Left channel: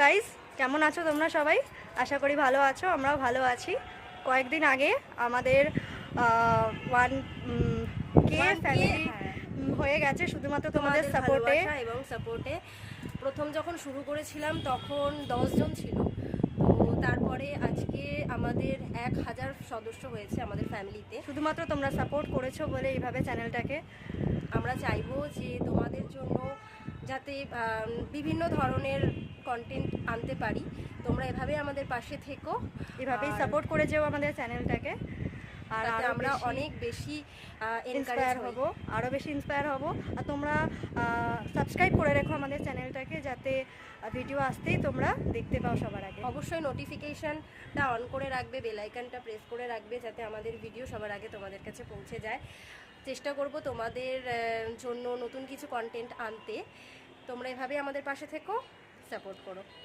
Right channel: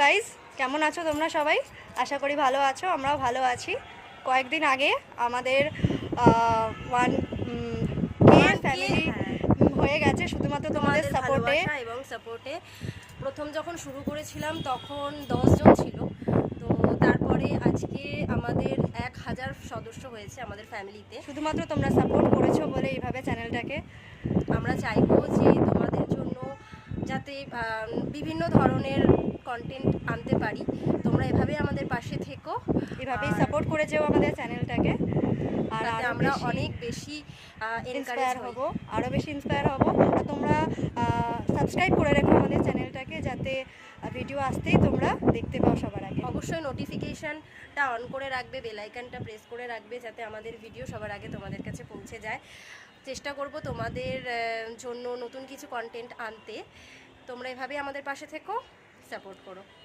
Guys, কেমন আছো তোমরা সবাই? আশা করি ভালো আছো, আমরাও ভালো আছি। কয়েকদিন আগে আমাদের 1K ফ্যামিলি হয়ে গেছে শুধুমাত্র তোমাদের সাপোর্টে এবং সাপোর্টে। প্রথম যখন শুরু করেছিলাম তখন 10 জন ছিল, তো তারপরে আজকে আমাদের 1000 সদস্য হয়েছে আমাদের ফ্যামিলিতে। শুধুমাত্র তোমরা সাপোর্ট করেছো বলে এইভাবে চ্যানেলটাকে আমরা চাইবো যে তোমাদের জন্য যাতে বিভিন্ন ধরনের কন্টেন্ট আনতে পারি, তোমরা এভাবে আমাদের পাশে থেকো, এভাবেই সাপোর্ট করে যেও আমাদের চ্যানেলটাকে। আর আমরা অনেক বেশি ইন্সপায়ার হব, আরও বেশি ইন্সপায়ার হব। আর তোমরা সাবস্ক্রাইব করে রেখো আমাদের চ্যানেলটাকে, যাতে ভিডিও আসতেই তোমরা দেখতে পাও সবার আগে। অবশ্যই নোটিফিকেশানটা অন করে রাখবে, বেল আইকনটা প্রেস করে রাখবে, যাতে আমাদের ভিডিও সবার আগে তোমাদের কাছে পৌঁছে যায়। চেষ্টা করব তোমাদের জন্য নতুন কিছু কন্টেন্ট আনতে। তোমরা এভাবেই আমাদের পাশে থেকো, সাপোর্ট করো।